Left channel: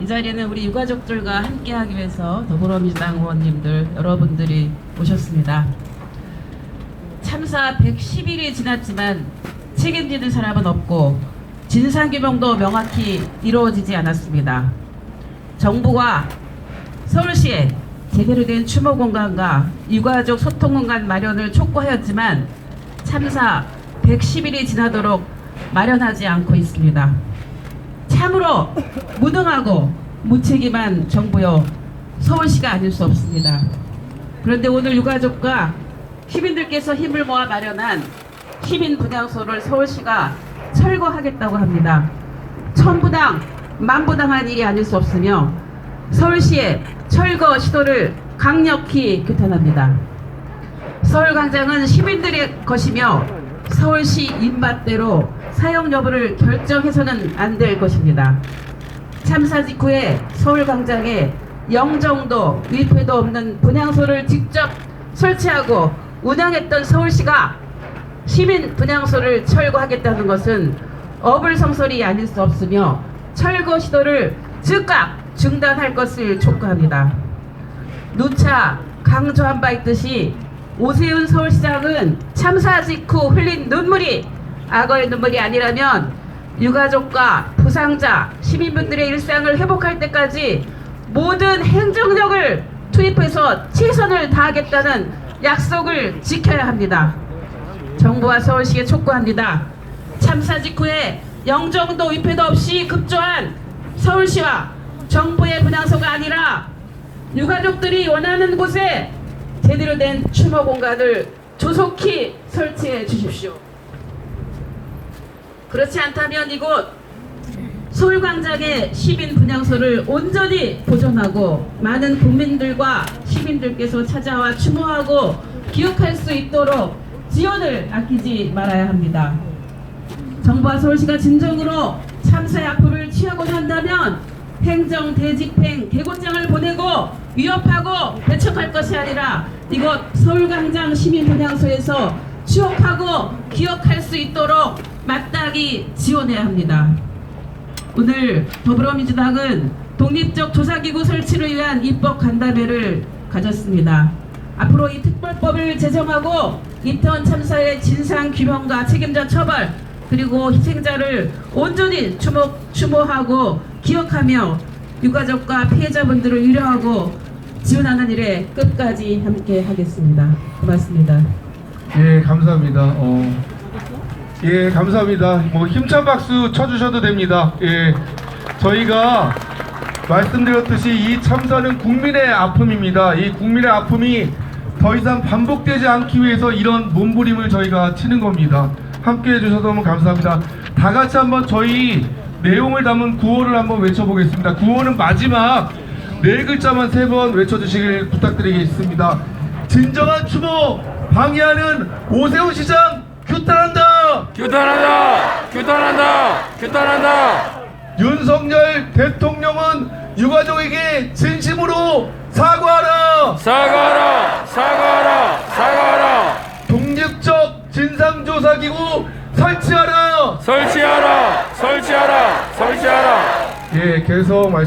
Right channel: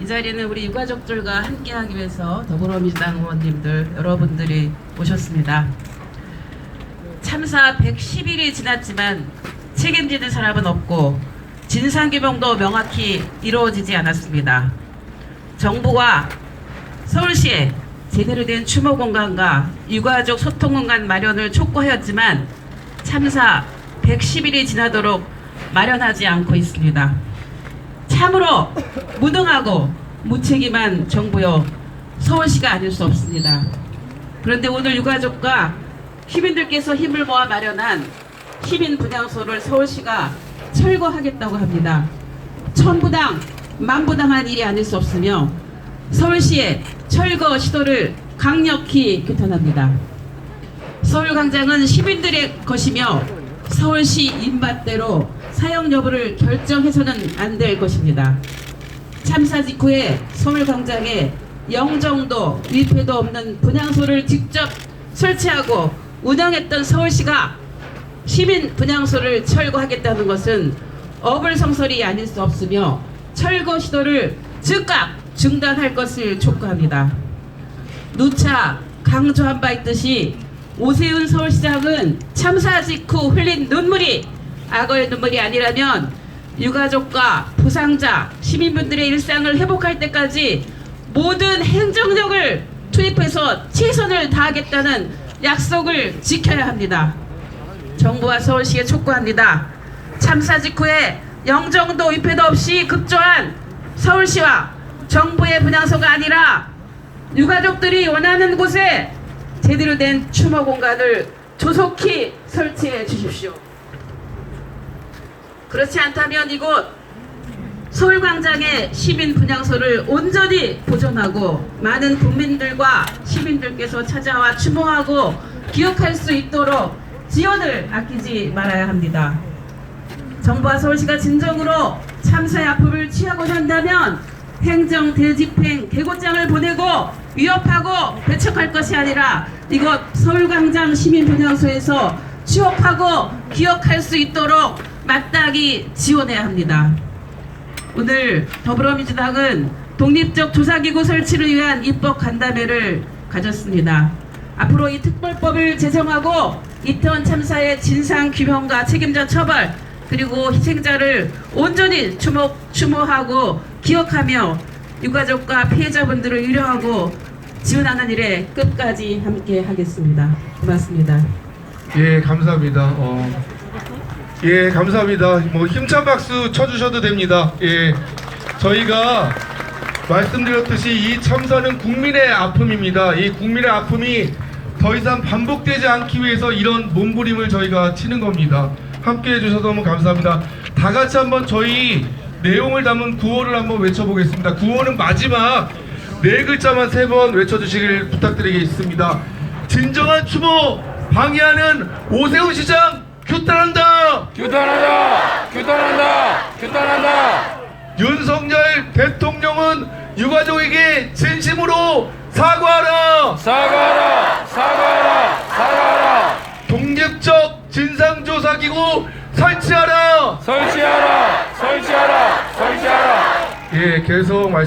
이 자리에는 우리 유가족들과 함께하기 위해서 더불어민주당 의원님들 여러분들이 오셨습니다. 참사 110일이 지났지만 책임지는 사람은 없고 진상규명도 명확히 이루어지지 않았습니다. 정부와 서울시에 제대로 된 추모 공간과 유가족 소통 공간 마련을 촉구하였지만 참사 110일이 지나도록 마련하지 않고 있습니다. 참으로 무능하고 무책임한 정부여 서울시가 아닐 수 없습니다. 그런데 오늘 유가족과 시민들께서 힘을 모아 마련한 시민 분향소를 서울시가 철거하겠다고 합니다. 천부당, 만부당한 일이 아닐 수 없으며 서울시의 철거 시도를 강력히 규탄합니다. 서울광장은 시민들의 것이며 서울시 입맛대로 사용 여부를 결정해서는 안 될 것입니다. 참사 직후에 서울광장에 영정도 위패도 없는 분향소를 직접 설치하고 운영했던 서울시가 시민 분향소를 철거하겠다는 것은 어불성설이 아닐 수 없으며 철거 시도를 즉각 중단할 것을 촉구합니다. 누차 강조한 바 있듯이 오세훈 서울시장은 참사 직후 흘린 눈물이 악어의 눈물이 아니라면 유가족과 부상자, 시민분들의 일상을 회복할 때까지 모든 행정력을 투입해서 최선을 다하겠다는 약속을 지켜야 합니다. 정부와 서울시에 촉구합니다. 참사 직후에 영정도 위패도 없이 급조한 서울시와 정부의 분향소가 아니라 유가족들이 원하는 곳에 제대로 된 추모 공간을 조속히 설치해 주십시오. 그렇지 않다면 이곳 서울광장의 시민 분향소를 온전히 보존하고 많은 국민들과 시민들께서 찾아와 추모하고 기억할 수 있도록 지원을 아끼지 말아야 합니다. 정부와 서울시가 진정으로 참사의 아픔을 취하고자 행정 대집행 개고장을 보내고 위협하고 배척할 것이 아니라 이것 서울광장 시민분향소에서 추억하고 기억할 수 있도록 마땅히 지원해야 합니다. 오늘 더불어민주당은 독립적 조사기구 설치를 위한 입법 간담회를 가졌습니다. 앞으로 이 특별법을 제정하고 이태원 참사의 진상 규명과 책임자 처벌 그리고 희생자를 온전히 추모, 추모하고 기억하며 유가족과 피해자분들을 위로하고 지원하는 일에 끝까지 함께 하겠습니다. 고맙습니다. 예, 감사합니다. 어, 예, 감사합니다. 뭐 힘찬 박수 쳐주셔도 됩니다. 예, 저희가 말씀드렸듯이 이 참사는 국민의 아픔입니다. 이 국민의 아픔이 더 이상 반복되지 않기 위해서 이런 몸부림을 저희가 치는 겁니다. 함께 해 주셔서 너무 감사합니다. 다 같이 한번 저희 내용을 담은 구호를 한번 외쳐보겠습니다. 구호는 마지막 네 글자만 세 번 외쳐주시길 부탁드리겠습니다. 진정한 추모 방해하는 오세훈 시장 규탄한다. 규탄한다! 규탄한다! 규탄한다! 윤석열 대통령은 유가족에게 진심으로 사과하라. 사과하라! 사과하라! 사과하라! 독립적 진상 조사기구 설치하라. 설치하라! 설치하라! 설치하라! 예, 계속 말.